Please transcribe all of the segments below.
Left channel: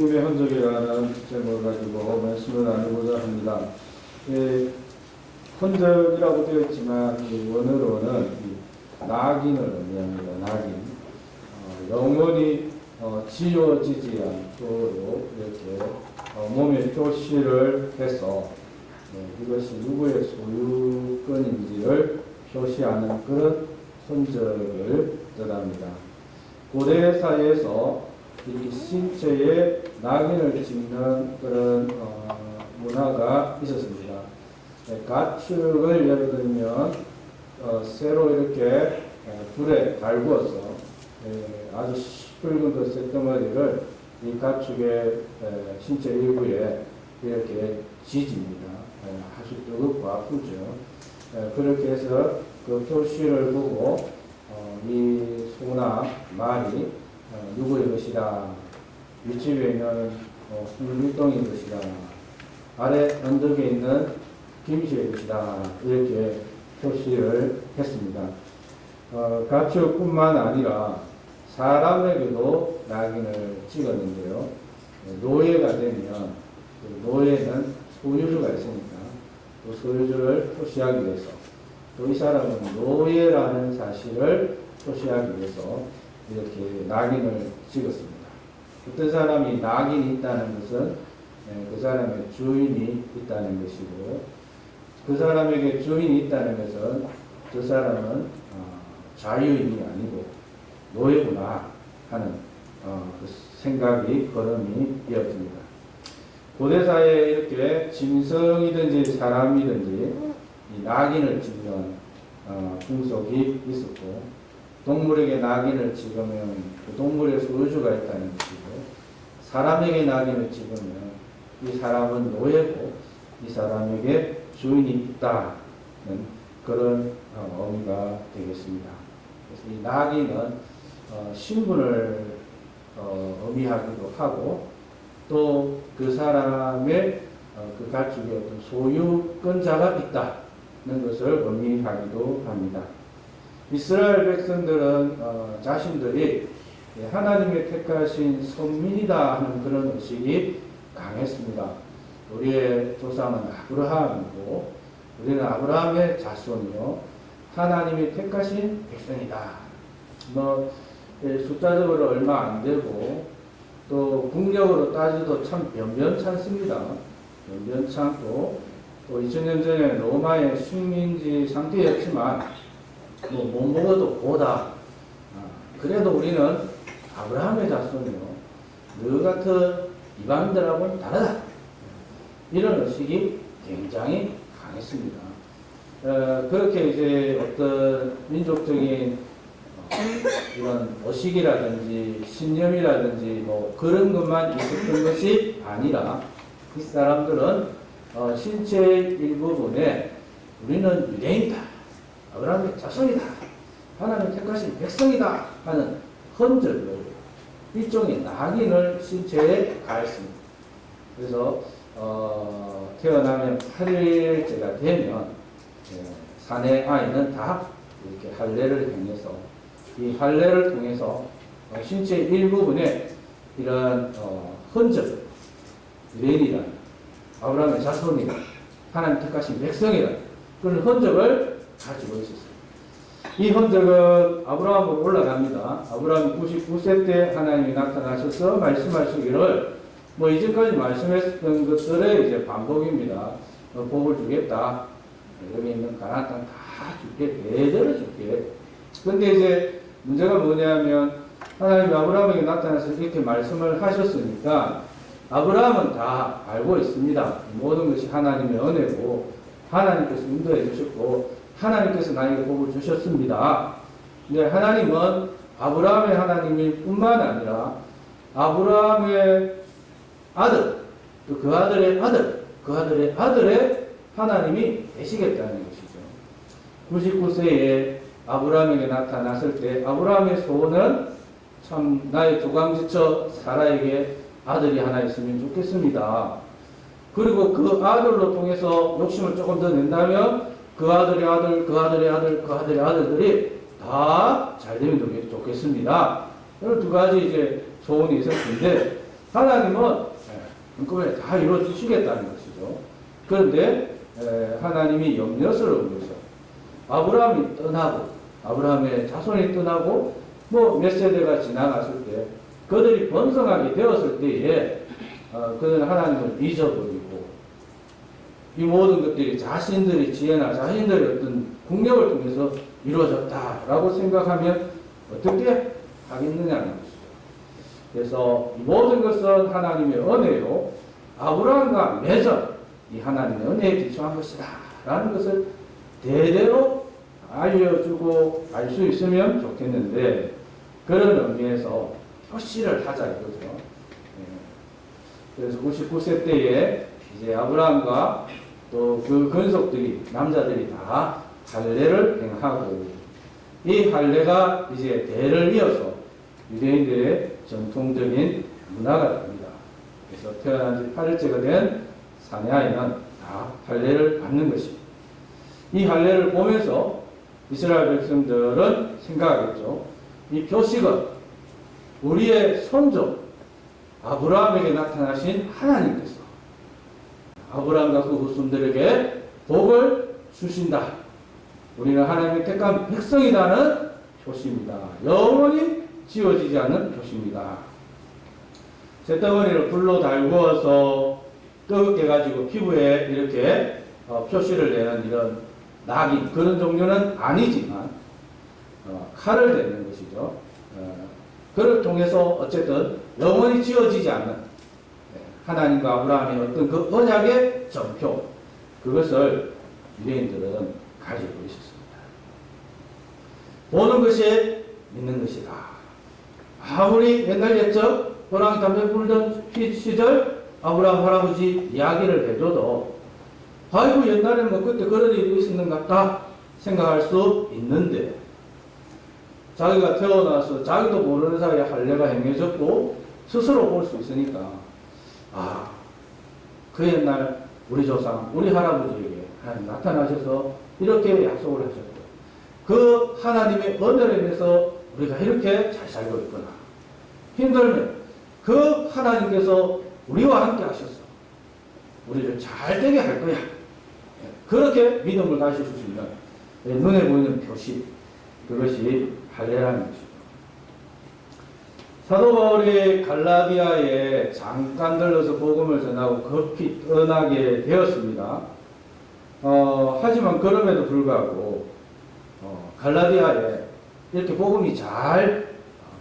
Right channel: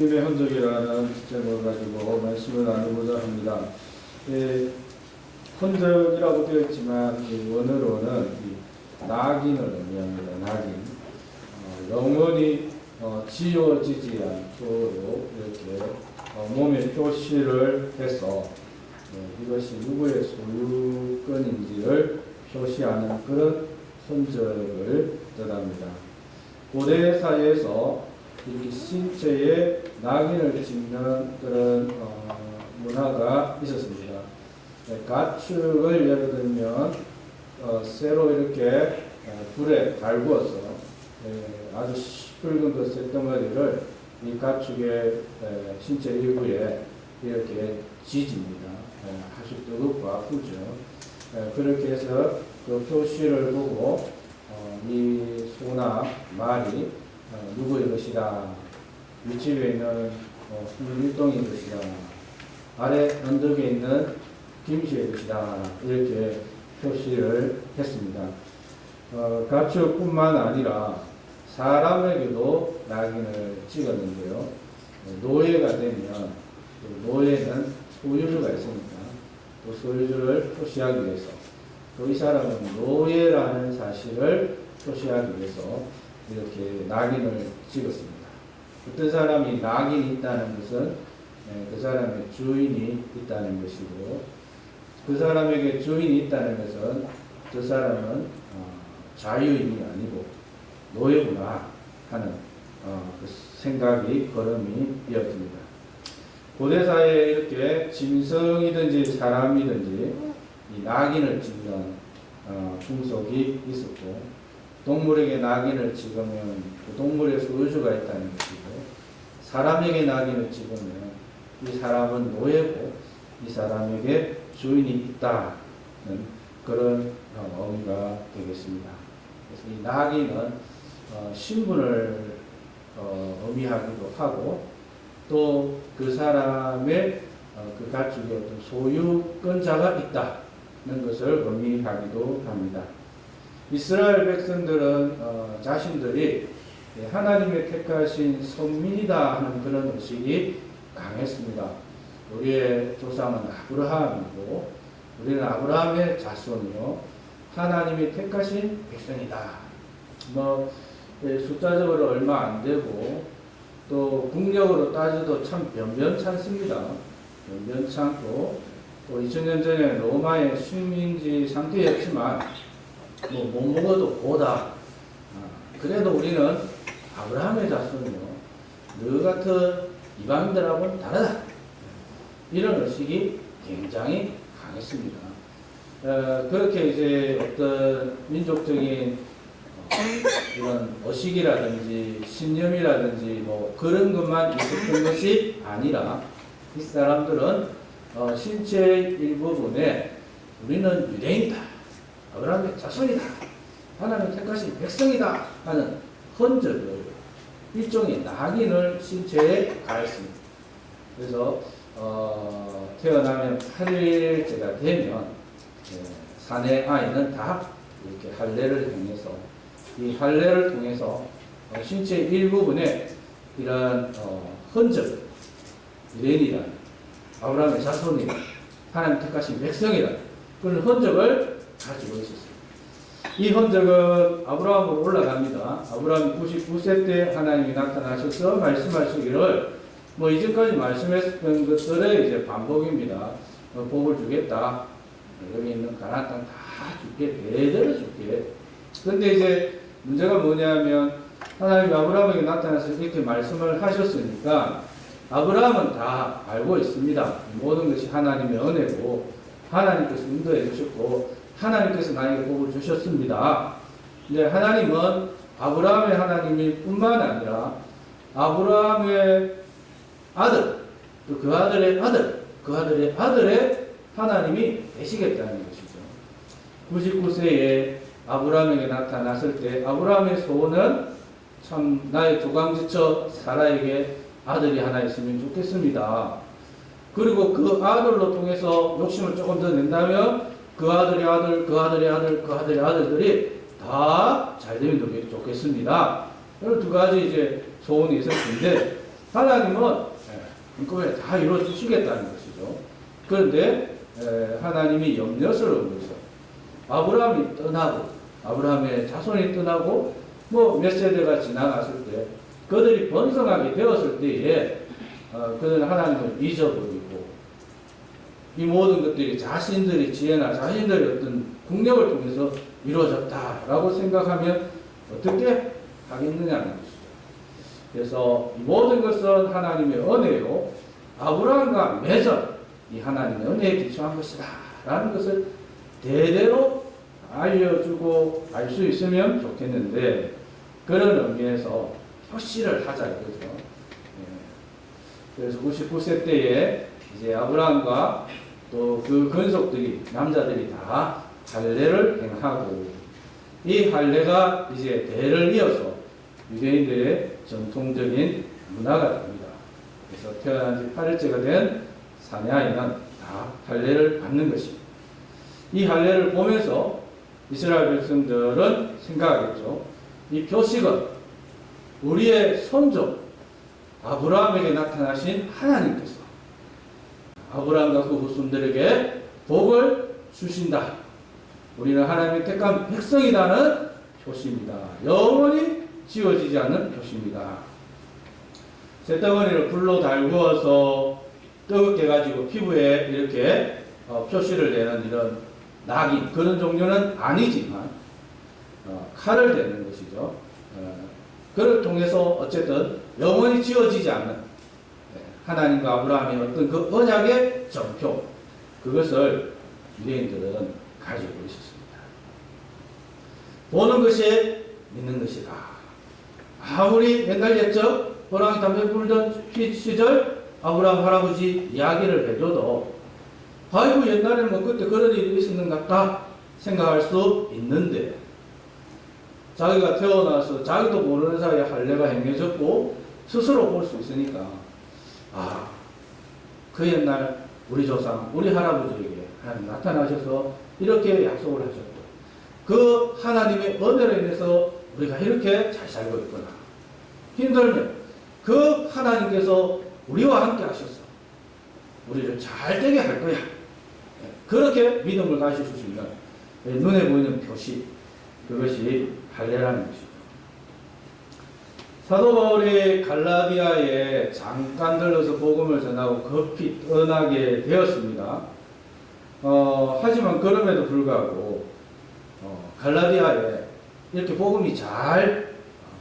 힘의 흔적이라는 제목을 가지고 말씀을 나누고자 합니다. 흔적이라고 되어 있지만 원어로는 낙인을 의미합니다. 낙인. 영원히 지워지지 않도록 이렇게 몸에 표시를 해서 이것이 누구의 소유권인지를 표시하는 그런 흔적을 뜻합니다. 고대 사회에서 이 신체에 낙인을 찍는 그런 문화가 있었습니다. 가축을 예를 들면 쇠로 이렇게 불에 달구어서 아주 시뻘건 그 쇳덩어리를 이 가축의 신체 일부에 이렇게 지집니다. 아주 뜨겁고 아프죠. 그렇게 해서 그 표시를 보고 이 소나 말이 누구의 것이다, 윗집에 있는 일동의 것이다, 아래 언덕에 있는 김씨의 것이다, 이렇게 표시를 했습니다. 가축뿐만 아니라 사람에게도 낙인을 찍었는데요. 노예가 되면 노예는 소유주가 있으니까 또 소유주를 표시하기 위해서, 또 이 사람은 노예라는 사실을 표시하기 위해서 이렇게 낙인을 찍었습니다. 어떤 사람이 낙인이 있다는 것은 그 사람의 주인이 있다는 것이고, 그 사람에게 주인이 있다는 것은 저 사람은 자유인이 아니고 노예구나 하는 그 생각이 걸음이 이어집니다. 고대사회에 이렇게 짐승이든지 사람이든지 이 낙인을 찍는 풍속이 있었고, 동물에게 낙인을 찍으면 그 동물의 소유주가 있다는 것이고, 사람에게 낙인을 찍으면 이 사람은 노예고 이 사람에게 주인이 있다는 그런 의미가 되겠습니다. 그래서 이 낙인은 신분을 의미하기도 하고, 또 그 사람의 그 가축의 어떤 소유권자가 있다는 것을 의미하기도 합니다. 이스라엘 백성들은 자신들이 하나님의 택하신 선민이다 하는 그런 의식이 강했습니다. 우리의 조상은 아브라함이고 우리는 아브라함의 자손이요 하나님의 택하신 백성이다. 숫자적으로 얼마 안 되고 또 국력으로 따져도 참 변변찮습니다. 변변찮고 또 2000년 전에 로마의 식민지 상태였지만 못 먹어도 보다. 그래도 우리는 아브라함의 자손이요 너 같은 이방인들하고는 다르다. 이런 의식이 굉장히 강했습니다. 그렇게 이제 어떤 민족적인 이런 의식이라든지 신념이라든지 그런 것만 있었던 것이 아니라 이 사람들은 신체의 일부분에 우리는 유대인이다, 아브라함의 자손이다, 하나님 택하신 백성이다 하는 흔적을, 일종의 낙인을 신체에 가했습니다. 그래서 태어나면 8일째가 되면 사내 아이는 다 이렇게 할례를 행해서 이 할례를 통해서 신체 일부분에 이런 흔적, 유대인이란, 아브라함의 자손이란, 하나님 택하신 백성이란 그런 흔적을 가지고 있었습니다. 이 흔적은 아브라함으로 올라갑니다. 아브라함이 99세 때 하나님이 나타나셔서 말씀하시기를 이전까지 말씀했던 것들의 이제 반복입니다. 복을 주겠다. 여기 있는 가나안 땅 다 줄게. 대대로 줄게. 근데 이제 문제가 뭐냐면 하나님이 아브라함에게 나타나서 이렇게 말씀을 하셨으니까 아브라함은 다 알고 있습니다. 모든 것이 하나님의 은혜고 하나님께서 인도해 주셨고 하나님께서 나에게 복을 주셨습니다. 근데 하나님은 아브라함의 하나님일 뿐만 아니라 아브라함의 아들, 또 그 아들의 아들, 그 아들의 아들의 하나님이 되시겠다는 것이죠. 99세에 아브라함에게 나타났을 때 아브라함의 소원은 참 나의 조강지처 사라에게 아들이 하나 있으면 좋겠습니다. 그리고 그 아들로 통해서 욕심을 조금 더 낸다면 그 아들의 아들, 그 아들의 아들, 그 아들의 아들들이 다 잘되면 좋겠습니다. 이런 두 가지 이제 소원이 있었는데 하나님은 한꺼번에 다 이루어 주시겠다는 것이죠. 그런데 하나님이 염려스러운 것은 아브라함이 떠나고 아브라함의 자손이 떠나고 뭐 몇 세대가 지나갔을 때 그들이 번성하게 되었을 때에 그들은 하나님을 잊어버리고 이 모든 것들이 자신들의 지혜나 자신들의 어떤 국력을 통해서 이루어졌다라고 생각하면 어떻게 하겠느냐는 것이죠. 그래서 이 모든 것은 하나님의 은혜요 아브라함과 맺은 이 하나님의 은혜에 기초한 것이다 라는 것을 대대로 알려주고 알 수 있으면 좋겠는데 그런 의미에서 표시를 하자 이거죠. 그래서 99세 때에 이제 아브라함과 또 그 근속들이 남자들이 다 할례를 행하고 이 할례가 이제 대를 이어서 유대인들의 전통적인 문화가 됩니다. 그래서 태어난 지 8일째가 된 사내아이는 다 할례를 받는 것입니다. 이 할례를 보면서 이스라엘 백성들은 생각하겠죠. 이 표식은 우리의 선조 아브라함에게 나타나신 하나님께서 아브라함과 그 후손들에게 복을 주신다. 우리는 하나님의 택한 백성이라는 표시입니다. 영원히 지워지지 않는 표시입니다. 쇳덩어리를 불로 달구어서 뜨겁게 가지고 피부에 이렇게 표시를 내는 이런 낙인 그런 종류는 아니지만 칼을 대는 것이죠. 그를 통해서 어쨌든 영원히 지워지지 않는 하나님과 아브라함의 어떤 그 언약의 전표 그것을 유대인들은 가지고 있었습니다. 보는 것이 믿는 것이다. 아무리 옛날 옛적 호랑이 담배 불던 시절 아브라함 할아버지 이야기를 해줘도 아이고 옛날에는 뭐 그때 그런 일이 있었는 것 같다 생각할 수 있는데 자기가 태어나서 자기도 모르는 사이에 할례가 행해졌고 스스로 볼 수 있으니까 그 옛날 우리 조상 우리 할아버지에게 하나님 나타나셔서 이렇게 약속을 하셨고 그 하나님의 은혜로 인해서 우리가 이렇게 잘 살고 있구나. 힘들면 그 하나님께서 우리와 함께 하셔서 우리를 잘 되게 할 거야. 그렇게 믿음을 가지실 수 있는 눈에 보이는 표시 그것이 할례라는 것이죠. 사도 바울이 갈라디아에 잠깐 들러서 복음을 전하고 급히 떠나게 되었습니다. 하지만 그럼에도 불구하고 갈라디아에 이렇게 복음이 잘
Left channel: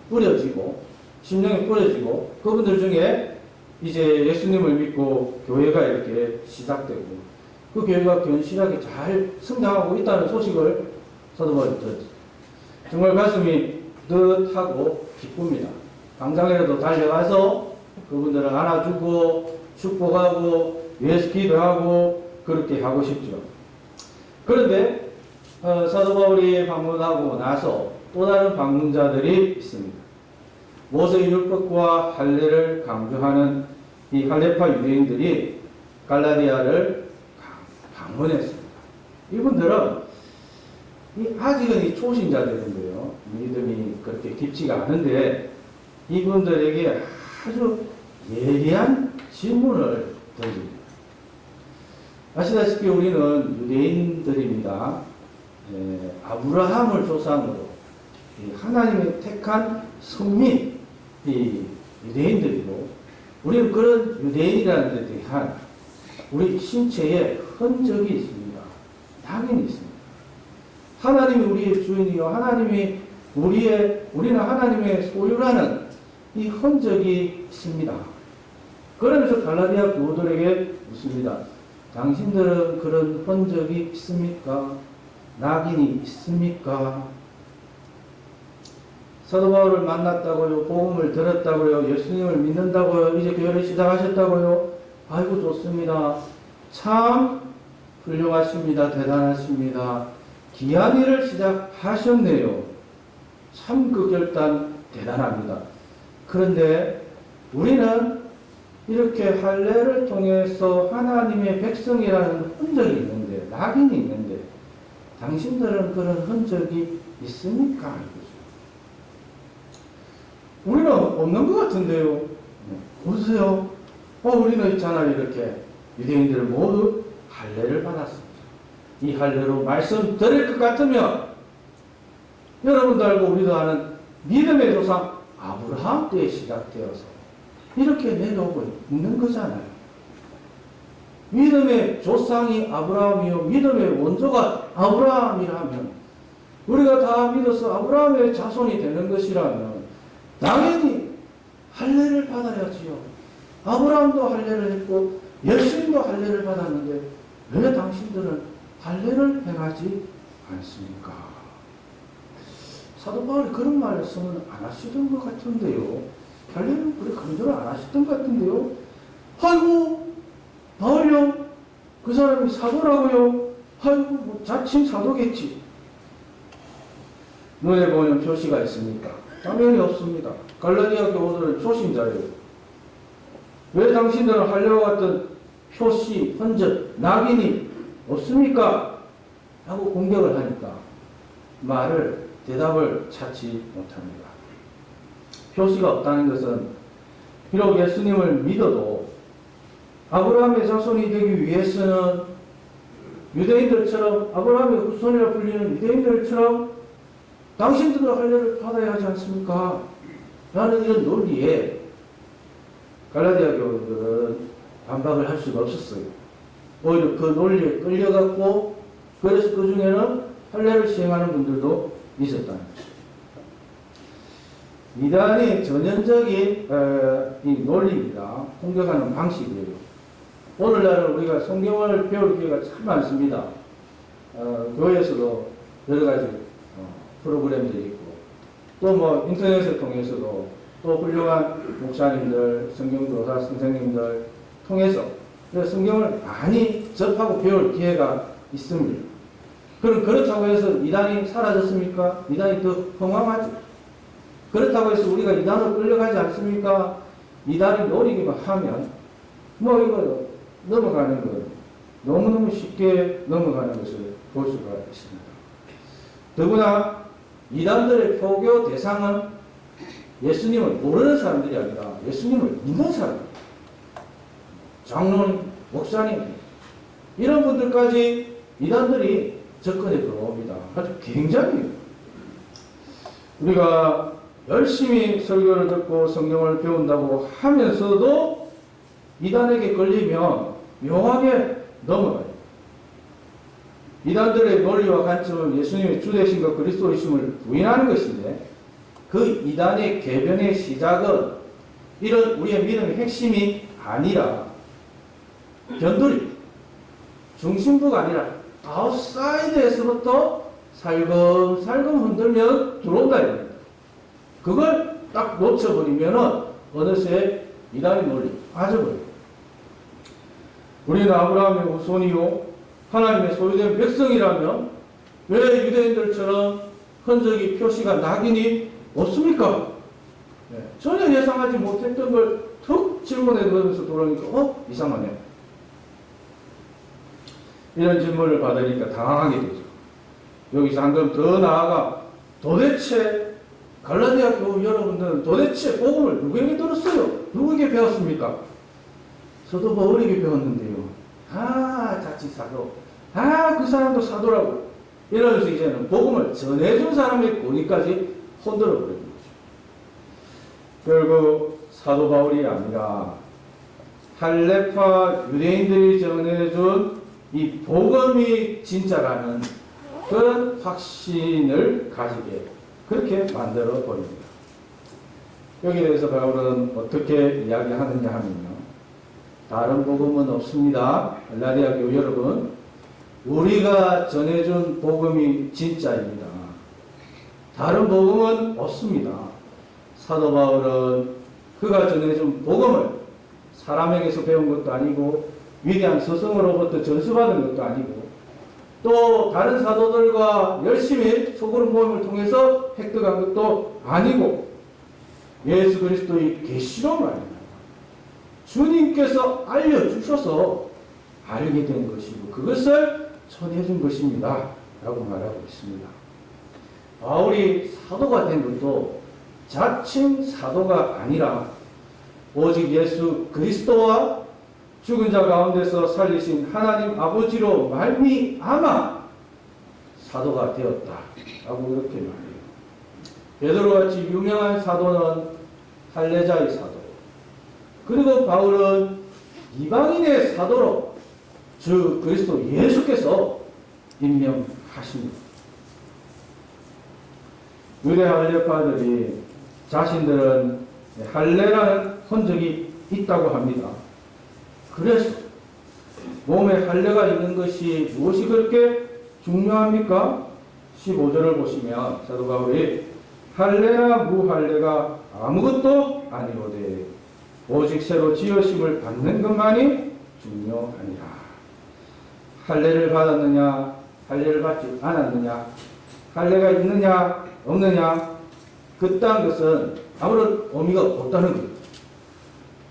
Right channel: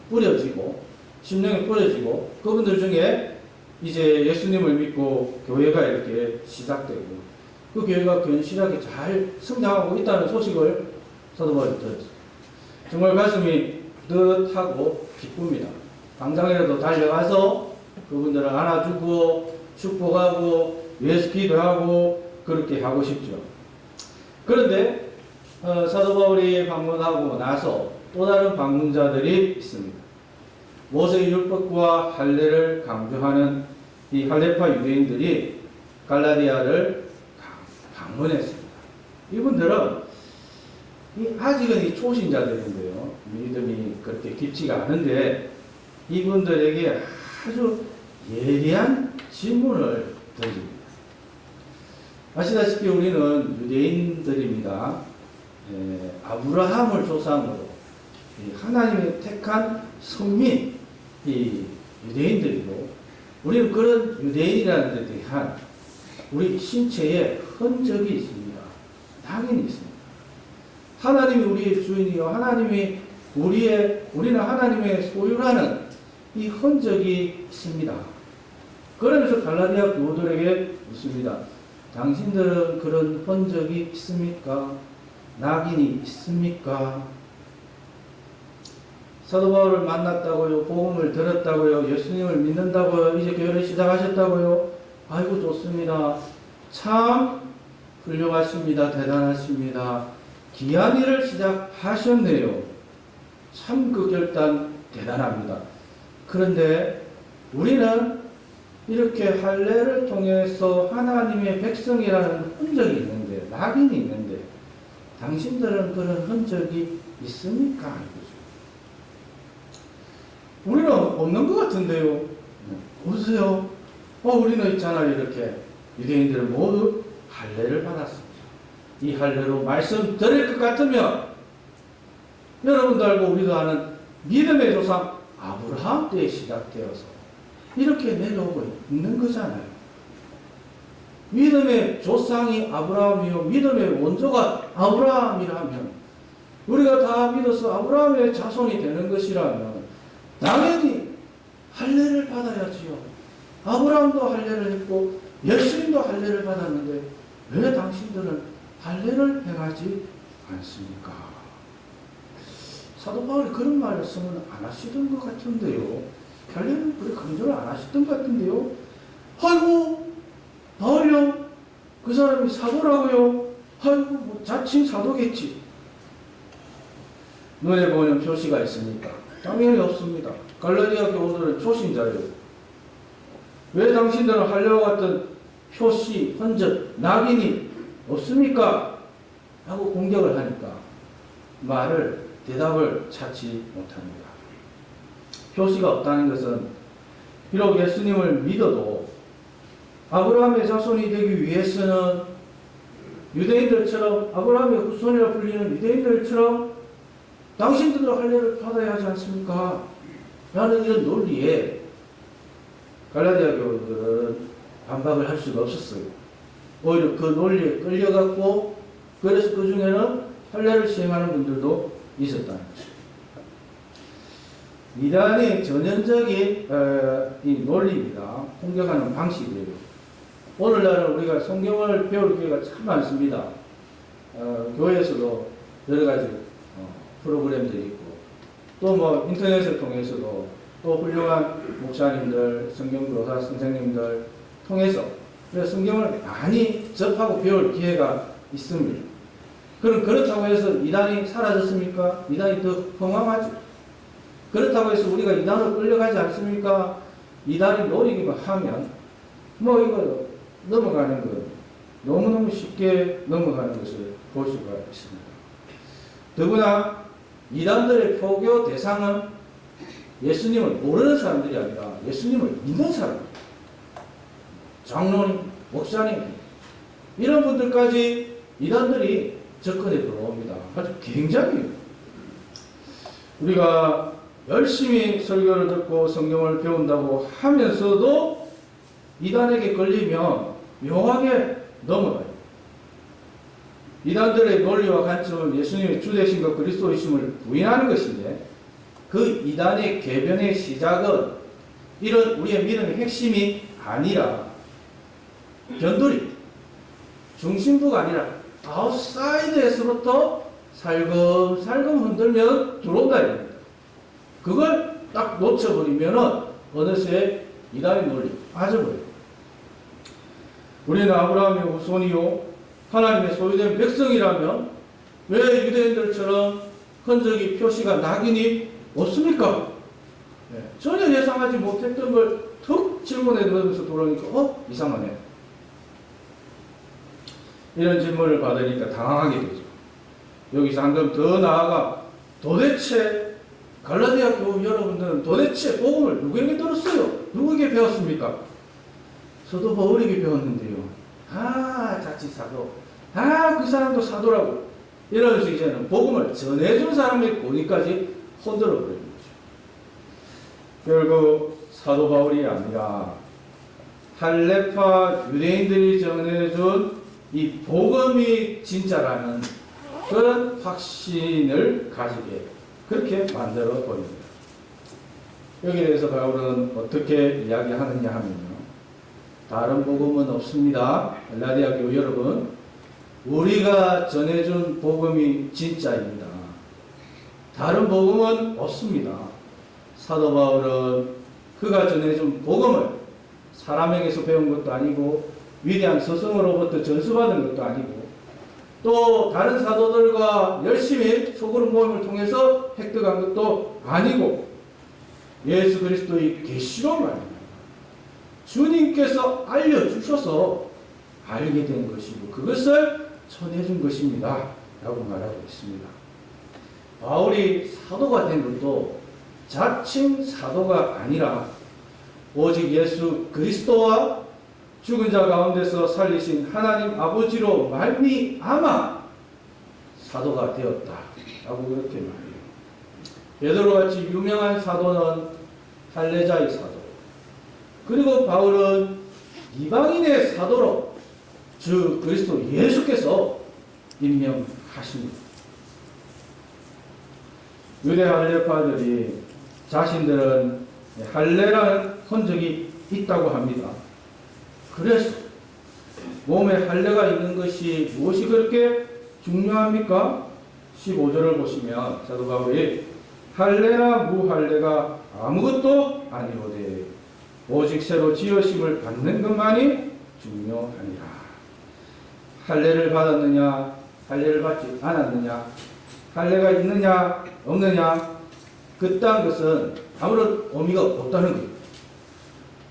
뿌려지고 심령에 뿌려지고 그분들 중에 이제 예수님을 믿고 교회가 이렇게 시작되고 그 교회가 견실하게 잘 성장하고 있다는 소식을 사도 바울이 들었어요. 정말 가슴이 뿌듯하고 기쁩니다. 당장이라도 달려가서 그분들을 안아주고 축복하고 위해서 기도하고 그렇게 하고 싶죠. 그런데 사도 바울이 방문하고 나서 또 다른 방문자들이 있습니다. 모세의 율법과 할례를 강조하는 이 할례파 유대인들이 갈라디아를 방문했습니다. 이분들은 아직은 이 초신자들인데요. 믿음이 그렇게 깊지가 않은데 이분들에게 아주 예리한 질문을 던집니다. 아시다시피 우리는 유대인들입니다. 아브라함을 조상으로 하나님의 택한 선민 이 유대인들이고 우리는 그런 유대인이라는 데 대한 우리 신체에 흔적이 있습니다. 낙인이 있습니다. 하나님이 우리의 주인이요 우리는 하나님의 소유라는 이 흔적이 있습니다. 그러면서 갈라디아 교우들에게 묻습니다. 당신들은 그런 흔적이 있습니까? 낙인이 있습니까? 사도 바울을 만났다고요? 복음을 들었다고요? 예수님을 믿는다고요? 이제 교회를 시작하셨다고요? 아이고 좋습니다. 참 훌륭하십니다. 대단하십니다. 귀한 일을 시작하셨네요. 참 그 결단 대단합니다. 그런데 우리는 이렇게 할례를 통해서 하나님의 백성이라는 흔적이 있는데 낙인이 있는데 당신들은 그런 흔적이 있습니까? 우리는 없는 것 같은데요. 보세요. 우리는 있잖아요. 이렇게 유대인들 모두 할례를 받았습니다. 이 할례로 말씀드릴 것 같으면 여러분도 알고 우리도 아는 믿음의 조상 아브라함 때에 시작되어서 이렇게 내려오고 있는 거잖아요. 믿음의 조상이 아브라함이요 믿음의 원조가 아브라함이라면 우리가 다 믿어서 아브라함의 자손이 되는 것이라면 당연히 할례를 받아야지요. 아브라함도 할례를 했고 예수님도 할례를 받았는데 왜 당신들은 할례를 행하지 않습니까? 사도 바울이 그런 말씀은 안 하시던 것 같은데요. 할례는 그렇게 강조를 안 하시던 것 같은데요. 아이고 바울이요? 그 사람이 사도라고요? 아이고 뭐 자칭 사도겠지. 눈에 보이는 표시가 있습니까? 당연히 없습니다. 갈라디아 교우들은 초신자예요. 왜 당신들은 할례와 같은 표시, 흔적, 낙인이 없습니까? 하고 공격을 하니까 대답을 찾지 못합니다. 표시가 없다는 것은 비록 예수님을 믿어도 아브라함의 자손이 되기 위해서는 유대인들처럼 아브라함의 후손이라 불리는 유대인들처럼 당신들도 할례를 받아야 하지 않습니까? 라는 이런 논리에 갈라디아 교우들은 반박을 할 수가 없었어요. 오히려 그 논리에 끌려갔고 그래서 그 중에는 할례를 시행하는 분들도 있었다는 것입니다. 이단의 전형적인 이 논리입니다. 공격하는 방식이에요. 오늘날은 우리가 성경을 배울 기회가 참 많습니다. 교회에서도 여러 가지 프로그램들이 있고 또 뭐 인터넷을 통해서도 또 훌륭한 목사님들, 성경교사 선생님들 통해서 성경을 많이 접하고 배울 기회가 있습니다. 그럼 그렇다고 해서 이단이 사라졌습니까? 이단이 더 흥황하죠. 그렇다고 해서 우리가 이단으로 끌려가지 않습니까? 이단이 노리기만 하면 뭐 이거 넘어가는 거 너무너무 쉽게 넘어가는 것을 볼 수가 있습니다. 더구나 이단들의 포교 대상은 예수님을 모르는 사람들이 아니라 예수님을 믿는 사람들, 장로님, 목사님 이런 분들까지 이단들이 접근해 들어옵니다. 아주 굉장히 우리가 열심히 설교를 듣고 성경을 배운다고 하면서도 이단에게 걸리면 묘하게 넘어가요. 이단들의 논리와 관점은 예수님의 주되심과 그리스도이심을 부인하는 것인데 그 이단의 개변의 시작은 이런 우리의 믿음의 핵심이 아니라 변두리, 중심부가 아니라 아웃사이드에서부터 살금살금 흔들면 들어온다 이겁니다. 그걸 딱 놓쳐버리면 어느새 이단의 논리 빠져버려요. 우리는 아브라함의 후손이요 하나님의 소유된 백성이라면 왜 유대인들처럼 흔적이 표시가 낙인이 없습니까? 전혀 예상하지 못했던 걸 툭 질문해 넣으면서 돌아오니까 이상하네. 이런 질문을 받으니까 당황하게 되죠. 여기서 한 점 더 나아가 도대체 갈라디아 교우 여러분들은 도대체 복음을 누구에게 들었어요? 누구에게 배웠습니까? 저도 바울에게 배웠는데요. 자칫 사도. 그 사람도 사도라고. 이러면서 이제는 복음을 전해준 사람의 고니까지 흔들어 버리는 거죠. 결국 사도 바울이 아니라 할례파 유대인들이 전해준 이 복음이 진짜라는 그런 확신을 가지게 그렇게 만들어 버립니다. 여기에 대해서 바울은 어떻게 이야기하느냐 하면요. 다른 복음은 없습니다. 갈라디아 교우 여러분, 우리가 전해준 복음이 진짜입니다. 다른 복음은 없습니다. 사도 바울은 그가 전해준 복음을 사람에게서 배운 것도 아니고 위대한 스승으로부터 전수받은 것도 아니고 또 다른 사도들과 열심히 소그룹 모임을 통해서 획득한 것도 아니고 예수 그리스도의 계시로 말입니다. 주님께서 알려주셔서 알게 된 것이고 그것을 전해준 것입니다. 라고 말하고 있습니다. 바울이 사도가 된 것도 자칭 사도가 아니라 오직 예수 그리스도와 죽은 자 가운데서 살리신 하나님 아버지로 말미암아 사도가 되었다 라고 그렇게 말해요. 베드로같이 유명한 사도는 할례자의 사도, 그리고 바울은 이방인의 사도로 주 그리스도 예수께서 임명하십니다. 유대 할례파들이 자신들은 할례라는 흔적이 있다고 합니다. 그래서 몸에 할례가 있는 것이 무엇이 그렇게 중요합니까? 15절을 보시면 사도 바울이 할례나 무할례가 아무것도 아니오되 오직 새로 지으심을 받는 것만이 중요하니라. 할례를 받았느냐, 할례를 받지 않았느냐, 할례가 있느냐 없느냐, 그딴 것은 아무런 의미가 없다는 거예요.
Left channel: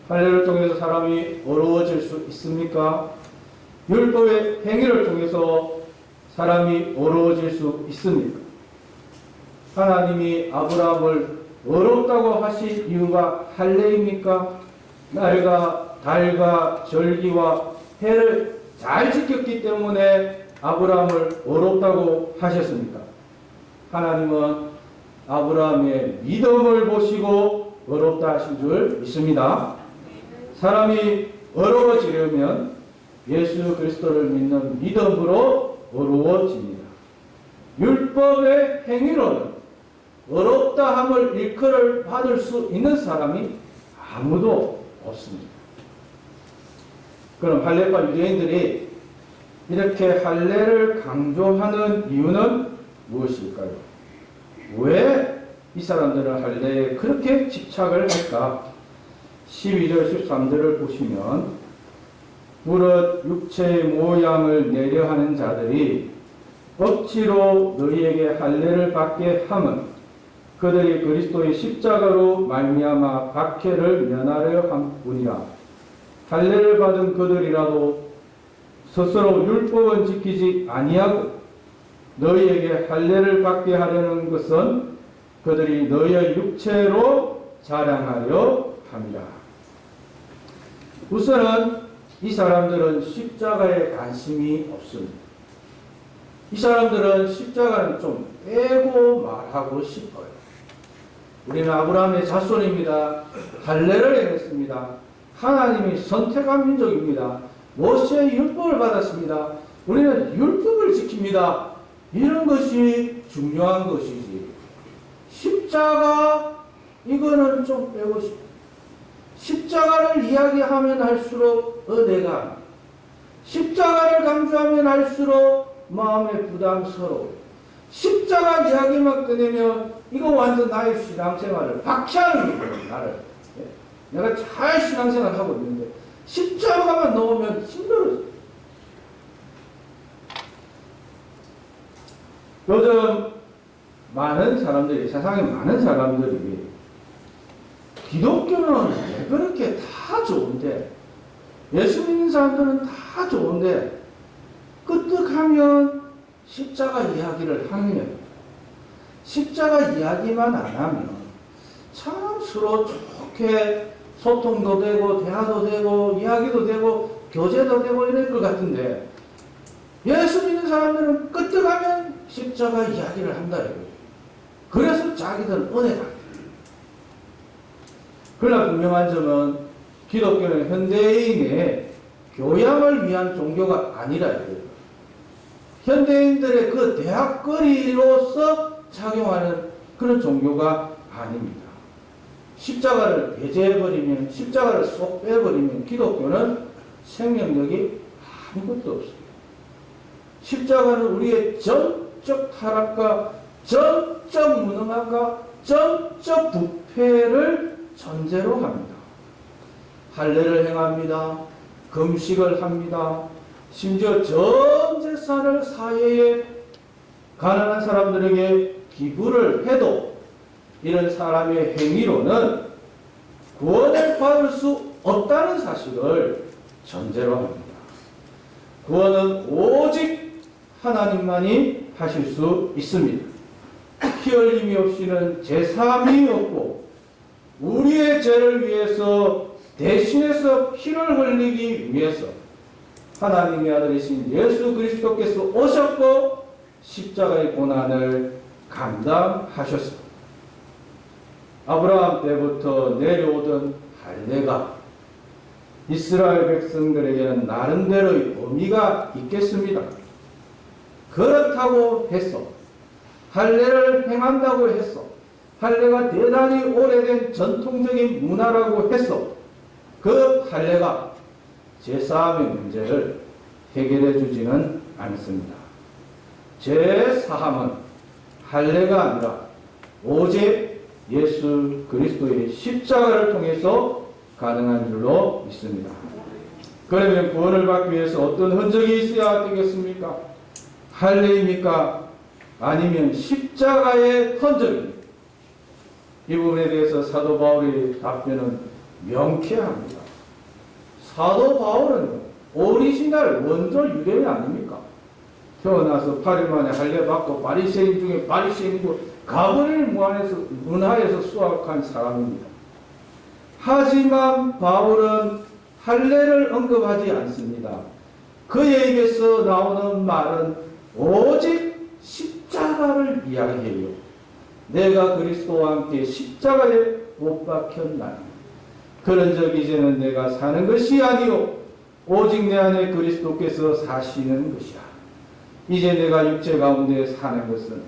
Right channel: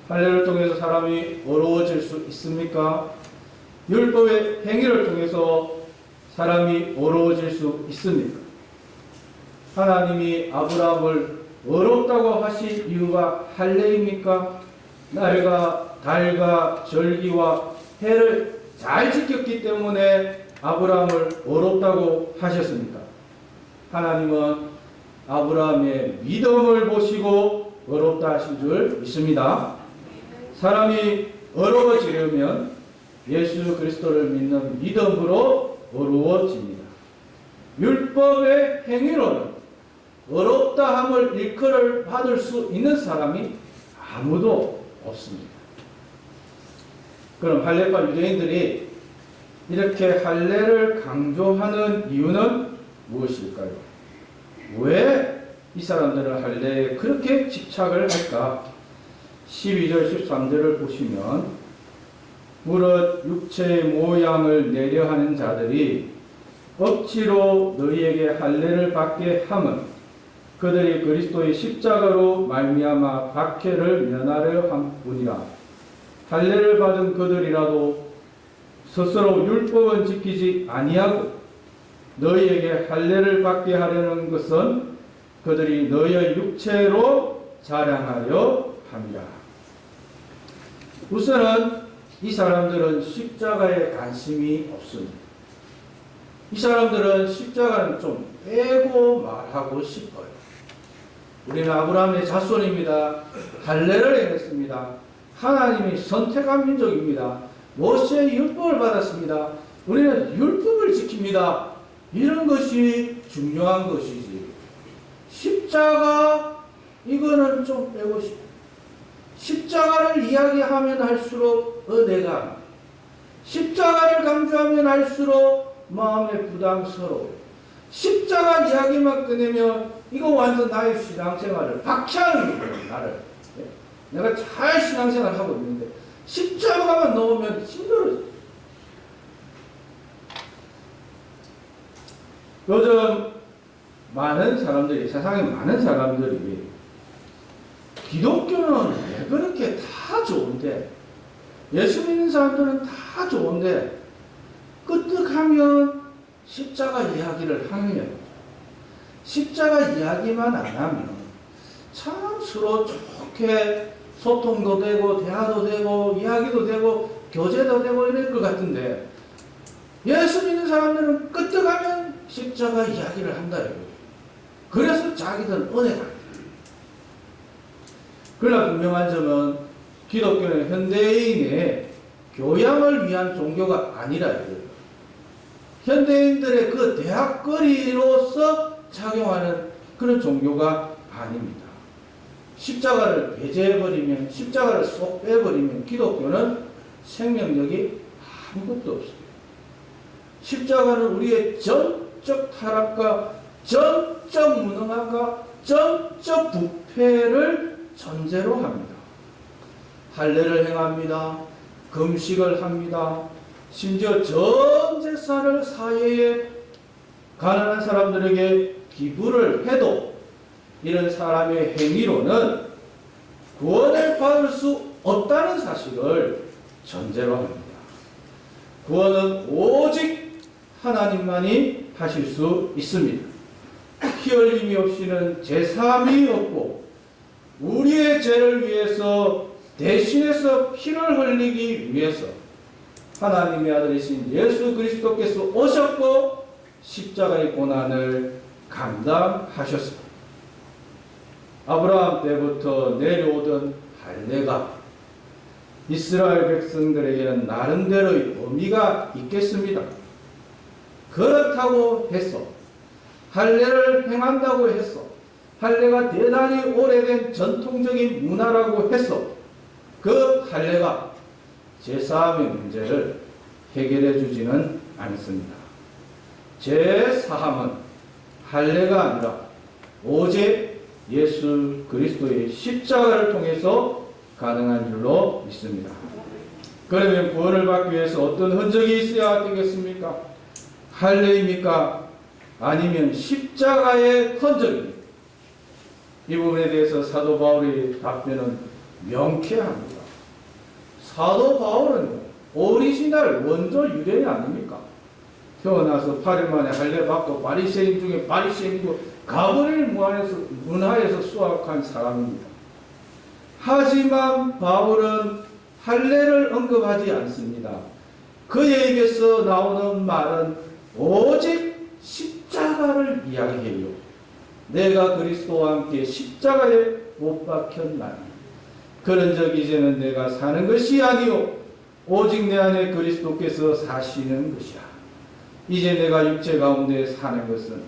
할례를 통해서 사람이 어려워질 수 있습니까? 율법의 행위를 통해서 사람이 어려워질 수 있습니까? 하나님이 아브라함을 어렵다고 하신 이유가 할례입니까? 날과 달과 절기와 해를 잘 지켰기 때문에 아브라함을 어렵다고 하셨습니까? 하나님은 아브라함의 믿음을 보시고 어렵다 하신 줄 믿습니다. 사람이 어려워지려면 예수 그리스도를 믿는 믿음으로 어려워집니다. 율법의 행위로는 어렵다함을 일컬을 받을 수 있는 사람이 아무도 없습니다. 그럼 할례파 유대인들이 이렇게 할례를 강조하는 이유는 무엇일까요? 왜 이 사람들은 할례에 그렇게 집착을 할까? 12절 13절을 보시면 무릇 육체의 모양을 내려하는 자들이 억지로 너희에게 할례를 받게 함은 그들이 그리스도의 십자가로 말미암아 박해를 면하려 함뿐이라. 할례를 받은 그들이라도 스스로 율법은 지키지 아니하고 너희에게 할례를 받게 하려는 것은 그들이 너희의 육체로 자랑하려 합니다. 우선은 이 사람들은 십자가에 관심이 없습니다. 이 사람들은 십자가는 좀 빼고 말하고 싶어요. 우리는 아브라함의 자손입니다. 할례를 행했습니다. 하나님이 선택한 민족입니다. 모세의 율법을 받았습니다. 우리는 율법을 지킵니다. 이런 것이 중요한 것이지. 십자가 이거는 좀 빼고 싶어요. 십자가를 이야기하면 할수록 은혜가, 십자가를 강조하면 할수록 마음에 부담스러워요. 십자가 이야기만 꺼내면 이거 완전 나의 신앙생활을 박해하는 거예요. 나를. 내가 잘 신앙생활을 하고 있는데 십자가만 넣으면 힘들어요. 요즘 많은 사람들이, 세상에 많은 사람들이 기독교는 왜 그렇게 다 좋은데, 예수 믿는 사람들은 다 좋은데 끄떡하면 십자가 이야기를 하면, 십자가 이야기만 안 하면 참 서로 좋게 소통도 되고 대화도 되고 이야기도 되고 교제도 되고 이럴 것 같은데, 예수 믿는 사람들은 끄떡하면 십자가 이야기를 한다 이거예요. 그래서 자기들은 은혜가. 그러나 분명한 점은 기독교는 현대인의 교양을 위한 종교가 아니라 이거예요. 현대인들의 그 대학거리로서 작용하는 그런 종교가 아닙니다. 십자가를 배제해버리면, 십자가를 쏙 빼버리면 기독교는 생명력이 아무것도 없어요. 십자가는 우리의 전적 타락과 전적 무능함과 전적 부패를 전제로 합니다. 할례를 행합니다. 금식을 합니다. 심지어 전 재산을 사회에 가난한 사람들에게 기부를 해도 이런 사람의 행위로는 구원을 받을 수 없다는 사실을 전제로 합니다. 구원은 오직 하나님만이 하실 수 있습니다. 피 흘림이 없이는 제사함이 없고 우리의 죄를 위해서 대신해서 피를 흘리기 위해서 하나님의 아들이신 예수 그리스도께서 오셨고 십자가의 고난을 감당하셨습니다. 아브라함 때부터 내려오던 할례가 이스라엘 백성들에게는 나름대로의 의미가 있겠습니다. 그렇다고 해서 할례를 행한다고 해서 할례가 대단히 오래된 전통적인 문화라고 해서 그 할례가 제사함의 문제를 해결해 주지는 않습니다. 제사함은 할례가 아니라 오직 예수 그리스도의 십자가를 통해서 가능한 줄로 믿습니다. 그러면 구원을 받기 위해서 어떤 흔적이 있어야 되겠습니까? 할례입니까? 아니면 십자가의 흔적입니까? 이 부분에 대해서 사도 바울의 답변은 명쾌합니다. 사도 바울은 오리지널 원조 유대인 아닙니까? 태어나서 8일 만에 할례 받고 바리새인 중에 바리새인이고 가버릴 문화에서 수확한 사람입니다. 하지만 바울은 할례를 언급하지 않습니다. 그의 입에서 나오는 말은 오직 십자가를 이야기해요. 내가 그리스도와 함께 십자가에 못 박혔나니 그런즉 이제는 내가 사는 것이 아니요 오직 내 안에 그리스도께서 사시는 것이라. 이제 내가 육체 가운데 사는 것은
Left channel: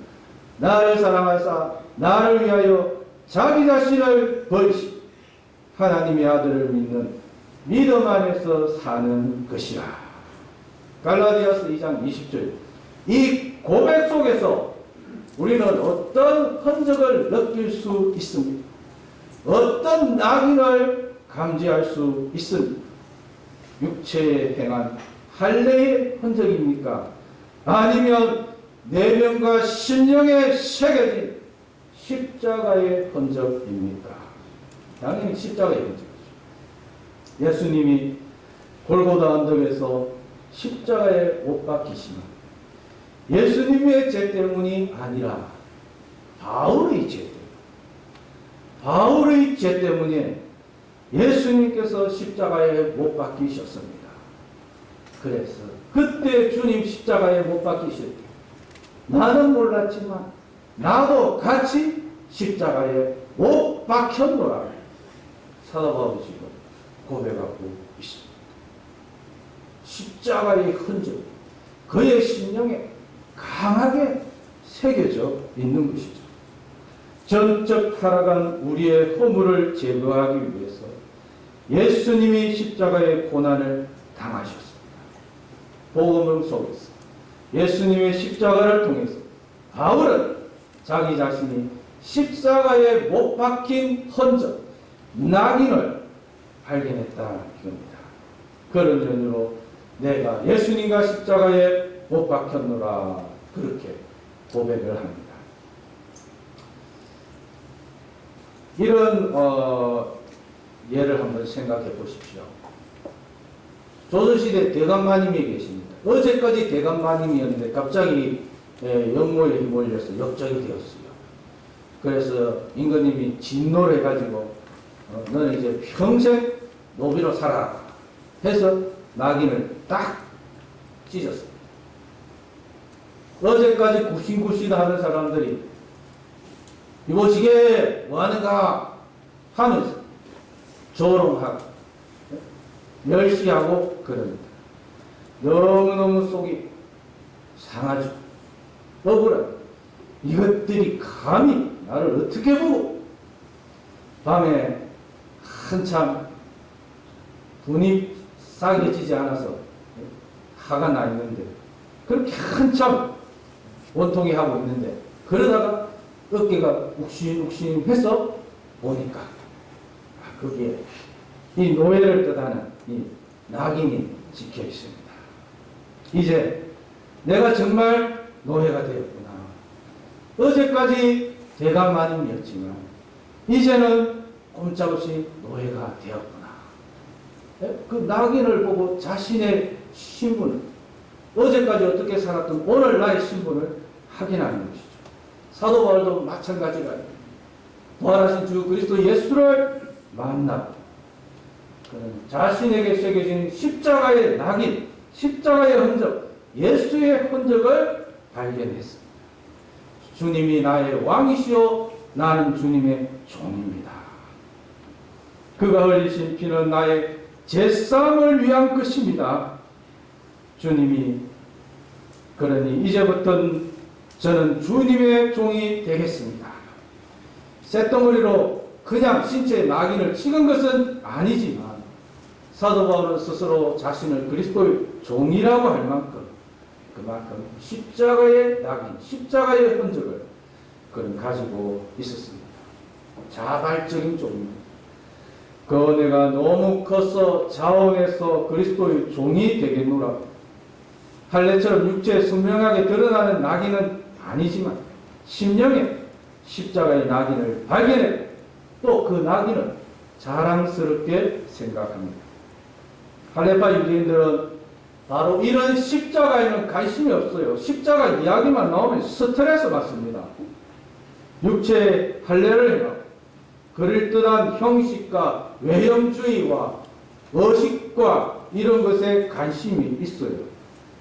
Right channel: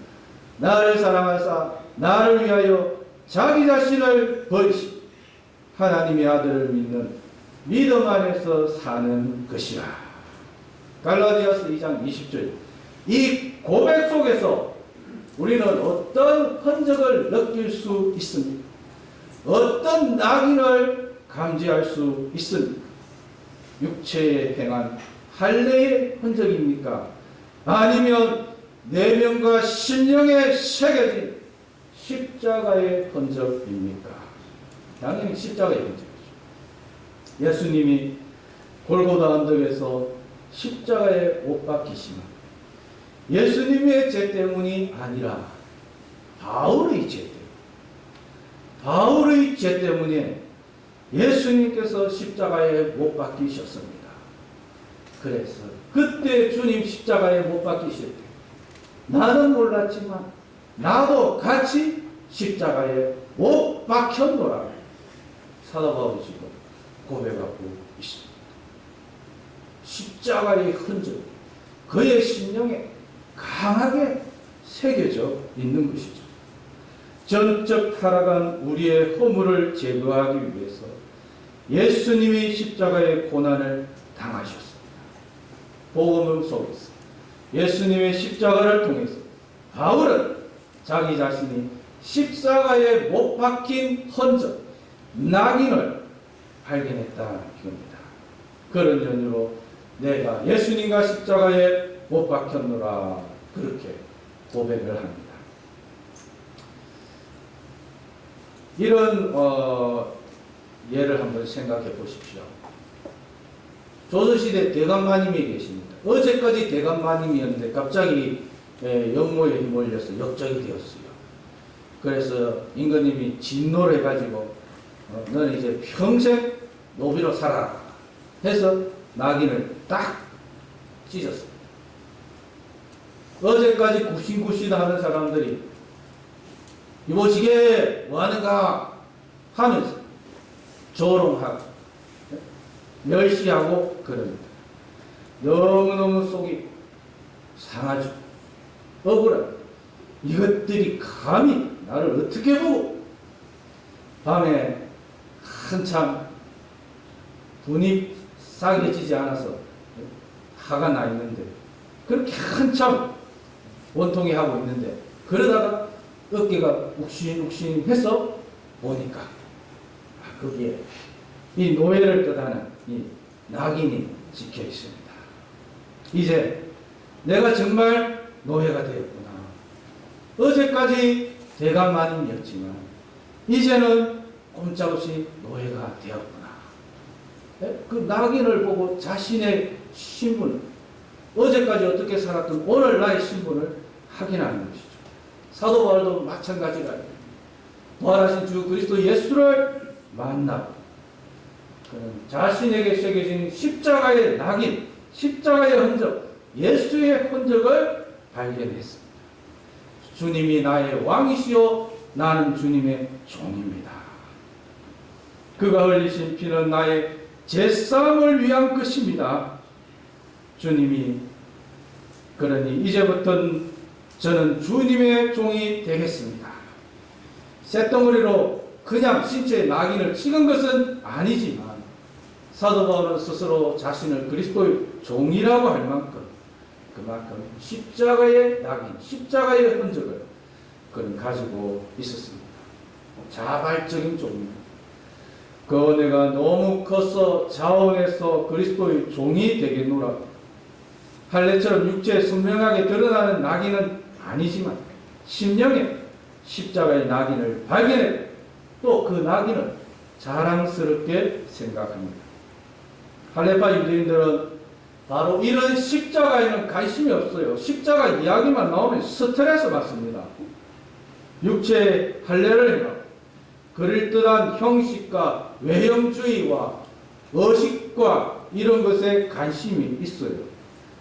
나를 사랑하사 나를 위하여 자기 자신을 버리시 하나님의 아들을 믿는 믿음 안에서 사는 것이라. 갈라디아서 2장 20절. 이 고백 속에서 우리는 어떤 흔적을 느낄 수 있습니까? 어떤 낙인을 감지할 수 있습니까? 육체에 행한 할례의 흔적입니까? 아니면 내면과 심령에 새겨진 십자가의 흔적입니까? 당연히 십자가의 흔적이죠. 예수님이 골고다 언덕에서 십자가에 못 박히시면 예수님의 죄 때문이 아니라 바울의 죄 때문에, 바울의 죄 때문에 예수님께서 십자가에 못 박히셨습니다. 그래서 그때 주님 십자가에 못 박히실 때 나는 몰랐지만 나도 같이 십자가에 못 박혔노라. 사도 바울이 지금 고백하고 있습니다. 십자가의 흔적, 그의 심령에 강하게 새겨져 있는 것이죠. 전적 타락한 우리의 허물을 제거하기 위해서 예수님이 십자가의 고난을 당하셨습니다. 복음 속에서 예수님의 십자가를 통해서 바울은 자기 자신이 십자가에 못 박힌 흔적, 낙인을 발견했다 이겁니다. 그런 연유로 내가 예수님과 십자가에 못 박혔노라 그렇게 고백을 합니다. 이런 예를 한번 생각해 보십시오. 조선시대 대감마님이 계십니다. 어제까지 대감마님이었는데 갑자기 역모에 휘몰려서 역적이 되었어요. 그래서 임금님이 진노를 해가지고 너는 이제 평생 노비로 살아라 해서 낙인을 딱 찢었습니다. 어제까지 굽신굽신 하는 사람들이 이보시게 뭐하는가 하면서 조롱하고 멸시하고 그럽니다. 너무너무 속이 상하죠. 억울한 이것들이 감히 나를 어떻게 보고 밤에 한참 분이 싸게지지 않아서 화가 나 있는데 그렇게 한참 원통이 하고 있는데 그러다가 어깨가 욱신욱신해서 보니까 거기에 이 노예를 뜻하는 이 낙인이 찍혀 있습니다. 이제 내가 정말 노예가 되었구나. 어제까지 대감마님이었지만 이제는 꼼짝없이 노예가 되었구나. 그 낙인을 보고 자신의 신분, 어제까지 어떻게 살았던 오늘 나의 신분을 확인하는 것이죠. 사도 바울도 마찬가지가 부활하신 주 그리스도 예수를 만나고 그는 자신에게 새겨진 십자가의 낙인, 십자가의 흔적, 예수의 흔적을 발견했습니다. 주님이 나의 왕이시요 나는 주님의 종입니다. 그가 흘리신 피는 나의 제사함을 위한 것입니다. 주님이 그러니 이제부터는 저는 주님의 종이 되겠습니다. 쇳덩어리로 그냥 신체의 낙인을 찍은 것은 아니지만 사도 바울은 스스로 자신을 그리스도의 종이라고 할 만큼 그만큼 십자가의 낙인, 십자가의 흔적을 그는 가지고 있었습니다. 자발적인 종입니다. 그 은혜가 너무 커서 자원해서 그리스도의 종이 되겠노라. 할례처럼 육체에 선명하게 드러나는 낙인은 아니지만 심령에 십자가의 낙인을 발견해 또 그 낙인을 자랑스럽게 생각합니다. 할례파 유대인들은 바로 이런 십자가에는 관심이 없어요. 십자가 이야기만 나오면 스트레스 받습니다. 육체의 할례를 행하고 그럴듯한 형식과 외형주의와 의식과 이런 것에 관심이 있어요.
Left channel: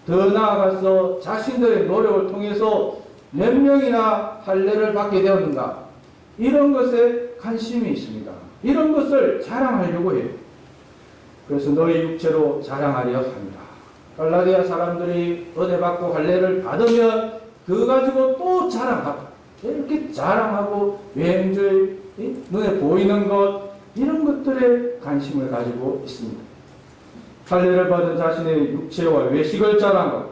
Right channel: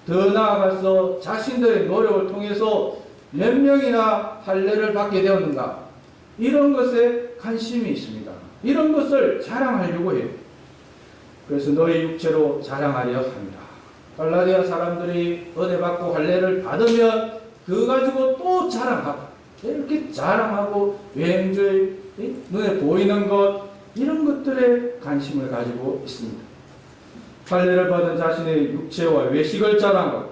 더 나아가서 자신들의 노력을 통해서 몇 명이나 할례를 받게 되었는가 이런 것에 관심이 있습니다. 이런 것을 자랑하려고 해요. 그래서 너희 육체로 자랑하려 합니다. 갈라디아 사람들이 은혜 받고 할례를 받으면 그거 가지고 또 자랑하고 이렇게 자랑하고 외행주의 눈에 보이는 것 이런 것들에 관심을 가지고 있습니다. 할례를 받은 자신의 육체와 외식을 자랑하고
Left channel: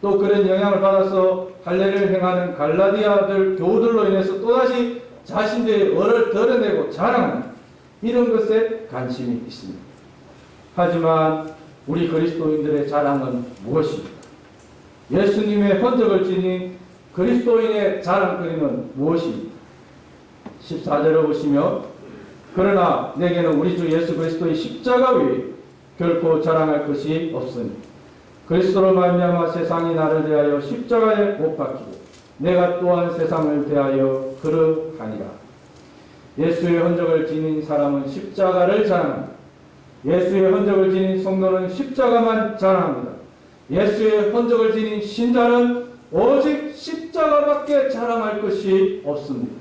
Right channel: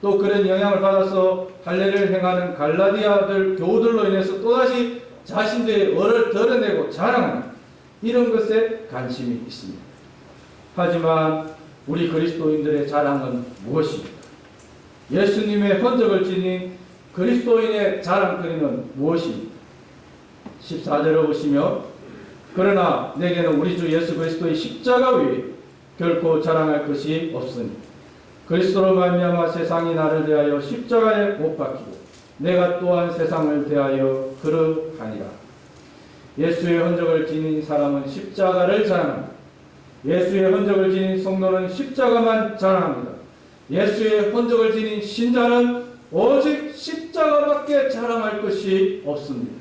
또 그런 영향을 받아서 할례를 행하는 갈라디아들 교우들로 인해서 또다시 자신들의 얼을 드러내고 자랑하는 이런 것에 관심이 있습니다. 하지만 우리 그리스도인들의 자랑은 무엇입니까? 예수님의 흔적을 지닌 그리스도인의 자랑거리는 무엇입니까? 14절을 보시면 그러나 내게는 우리 주 예수 그리스도의 십자가 외에 결코 자랑할 것이 없으니 그리스도로 말미암아 세상이 나를 대하여 십자가에 못 박히고 내가 또한 세상을 대하여 그러하니라. 예수의 흔적을 지닌 사람은 십자가를 자랑합니다. 예수의 흔적을 지닌 성도는 십자가만 자랑합니다. 예수의 흔적을 지닌 신자는 오직 십자가밖에 자랑할 것이 없습니다.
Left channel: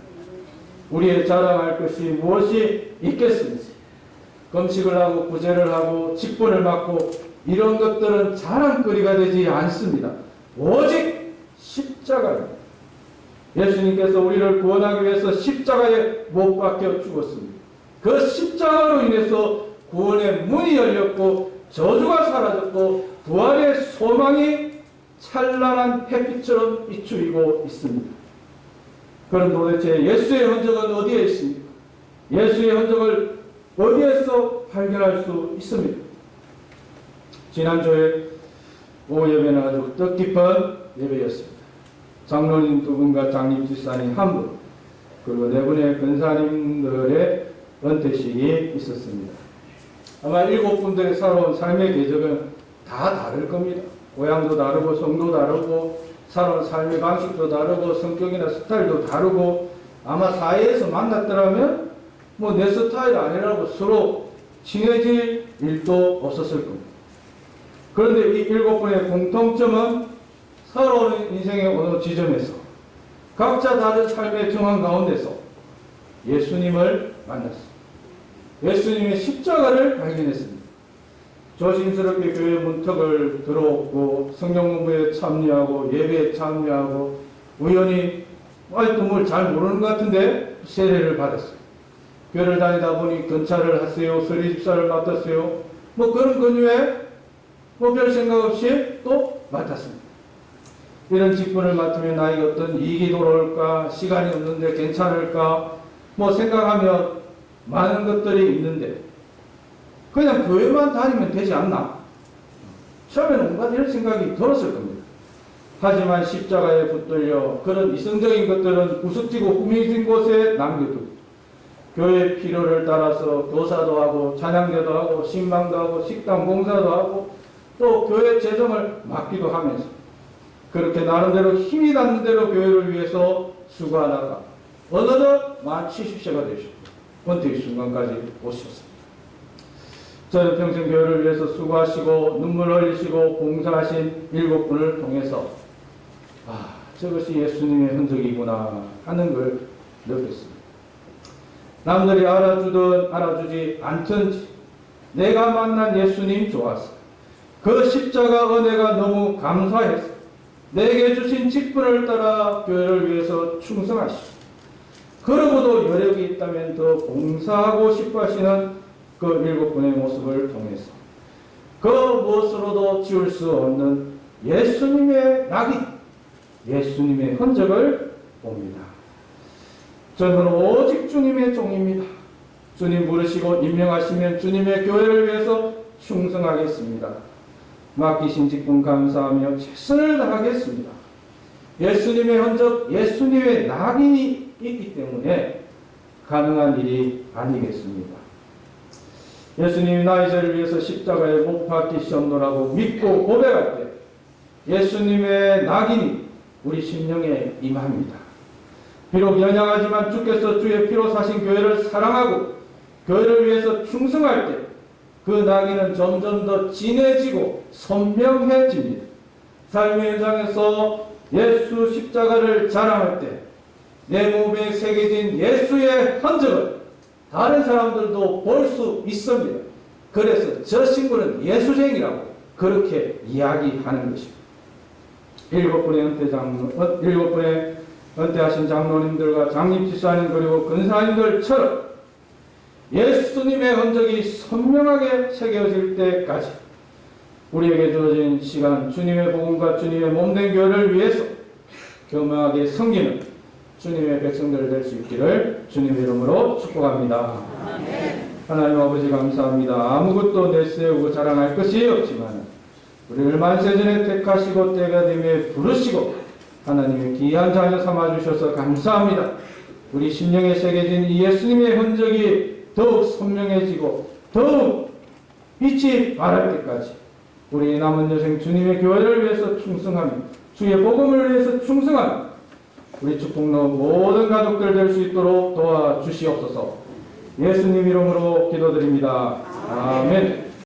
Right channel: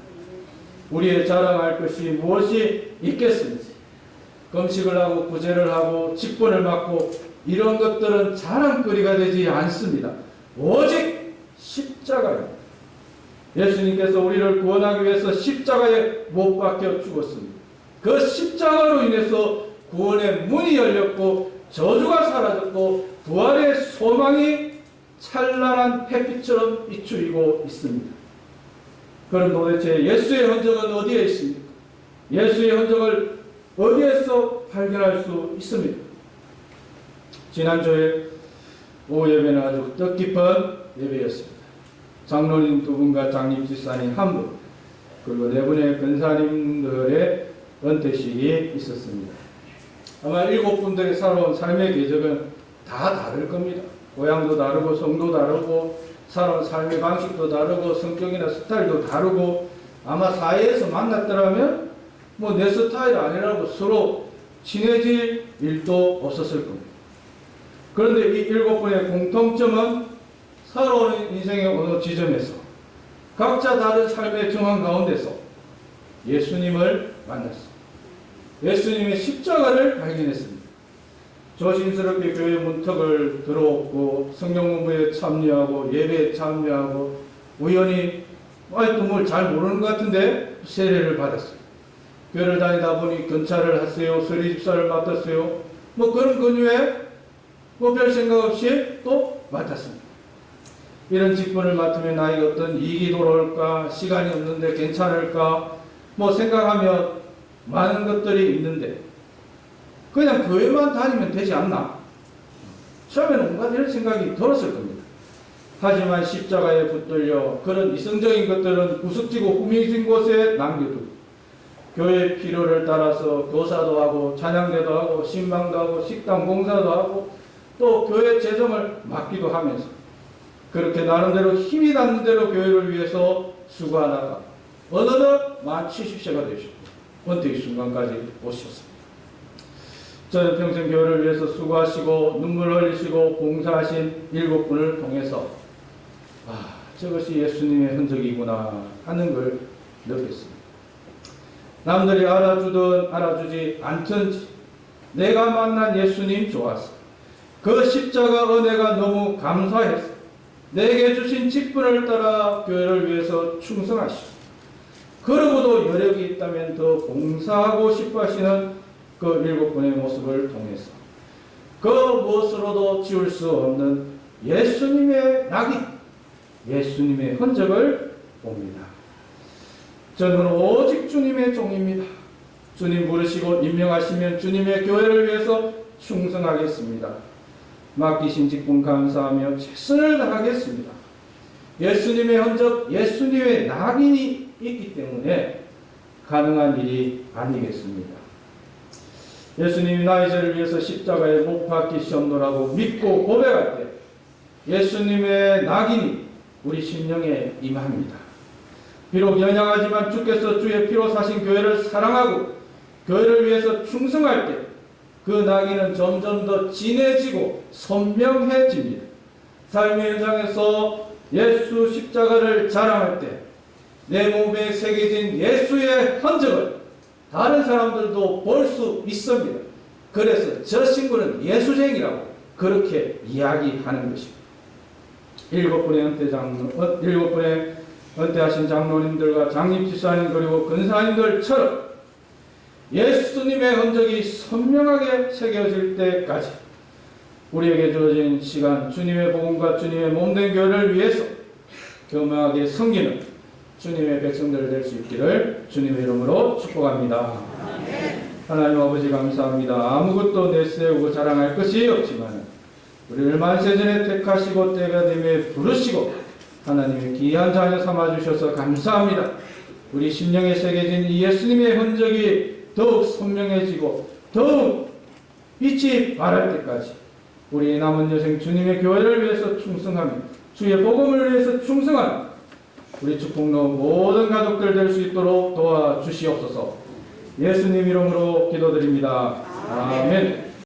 우리의 자랑할 것이 무엇이 있겠습니까? 금식을 하고 구제를 하고 직분을 맡고 이런 것들은 자랑거리가 되지 않습니다. 오직 십자가입니다. 예수님께서 우리를 구원하기 위해서 십자가에 못 박혀 죽었습니다. 그 십자가로 인해서 구원의 문이 열렸고 저주가 사라졌고 부활의 소망이 찬란한 햇빛처럼 비추이고 있습니다. 그럼 도대체 예수의 흔적은 어디에 있습니까? 예수의 흔적을 어디에서 발견할 수 있습니까? 지난주에 오후 예배는 아주 뜻깊은 예배였습니다. 장로님 2분과 장립집사님 1분 그리고 4분의 권사님들의 은퇴식이 있었습니다. 아마 7분들의 살아온 삶의 궤적은 다 다를 겁니다. 고향도 다르고 성도 다르고 살아온 삶의 방식도 다르고 성격이나 스타일도 다르고 아마 사회에서 만났더라면 뭐 내 스타일 아니라고 서로 친해질 일도 없었을 겁니다. 그런데 이 7분의 공통점은 살아오는 인생의 어느 지점에서 각자 다른 삶의 정황 가운데서 예수님을 만났습니다. 예수님의 십자가를 발견했습니다. 조심스럽게 교회 문턱을 들어오고 성경 공부에 참여하고 예배에 참여하고 우연히 아직도 뭘 잘 모르는 것 같은데 세례를 받았어요. 교회를 다니다 보니 경찰을 하세요. 서리집사를 맡았어요. 뭐 그런 근유에 뭐 별 생각 없이 또 맡았습니다. 이런 직분을 맡으면 나에게 어떤 이익이 돌아올까, 시간이 없는데 괜찮을까, 뭐 생각하면 많은 것들이 있는데 그냥 교회만 다니면 되지 않나? 처음에는 온갖 이런 생각이 들었을 겁니다. 하지만 십자가에 붙들려 그런 이성적인 것들은 구석지고 후미진 곳에 남겨두고 교회 필요를 따라서 교사도 하고 찬양대도 하고 신방도 하고 식당 봉사도 하고 또 교회 재정을 맡기도 하면서 그렇게 나름대로 힘이 닿는 대로 교회를 위해서 수고하다가 어느덧 만 70세가 되셨고 은퇴의 순간까지 오셨습니다. 저는 평생 교회를 위해서 수고하시고 눈물 흘리시고 봉사하신 7분을 통해서 저것이 예수님의 흔적이구나 하는 걸 느꼈습니다. 남들이 알아주든 알아주지 않든지 내가 만난 예수님 좋았어. 그 십자가 은혜가 너무 감사해서 내게 주신 직분을 따라 교회를 위해서 충성하시고 그러고도 여력이 있다면 더 봉사하고 싶어 하시는 그 7분의 모습을 통해서 그 무엇으로도 지울 수 없는 예수님의 낙인, 예수님의 흔적을 봅니다. 저는 오직 주님의 종입니다. 주님 부르시고 임명하시면 주님의 교회를 위해서 충성하겠습니다. 맡기신 직분 감사하며 최선을 다하겠습니다. 예수님의 흔적, 예수님의 낙인이 있기 때문에 가능한 일이 아니겠습니다. 예수님이 나의 죄를 위해서 십자가에 못 박히셨노라고 믿고 고백할 때 예수님의 낙인이 우리 심령에 임합니다. 비록 연약하지만 주께서 주의 피로 사신 교회를 사랑하고 교회를 위해서 충성할 때 그 낙인은 점점 더 진해지고 선명해집니다. 삶의 현장에서 예수 십자가를 자랑할 때 내 몸에 새겨진 예수의 흔적을 다른 사람들도 볼 수 있습니다. 그래서 저 친구는 예수쟁이라고 그렇게 이야기하는 것입니다. 7분의 은퇴하신 장로님들과 장립지사님 그리고 근사님들처럼 예수님의 흔적이 선명하게 새겨질 때까지 우리에게 주어진 시간 주님의 복음과 주님의 몸된 교회를 위해서 교묘하게 섬기는 주님의 백성들 될 수 있기를 주님의 이름으로 축복합니다. 하나님 아버지 감사합니다. 아무것도 내세우고 자랑할 것이 없지만 우리를 만세전에 택하시고 때가 되며 부르시고 하나님의 귀한 자녀 삼아주셔서 감사합니다. 우리 심령에 새겨진 이 예수님의 흔적이 더욱 선명해지고 더욱 빛이 발할 때까지 우리 남은 여생 주님의 교회를 위해서 충성하며 주의 복음을 위해서 충성하며 우리 축복로 모든 가족들 될 수 있도록 도와주시옵소서. 예수님 이름으로 기도드립니다. 아멘.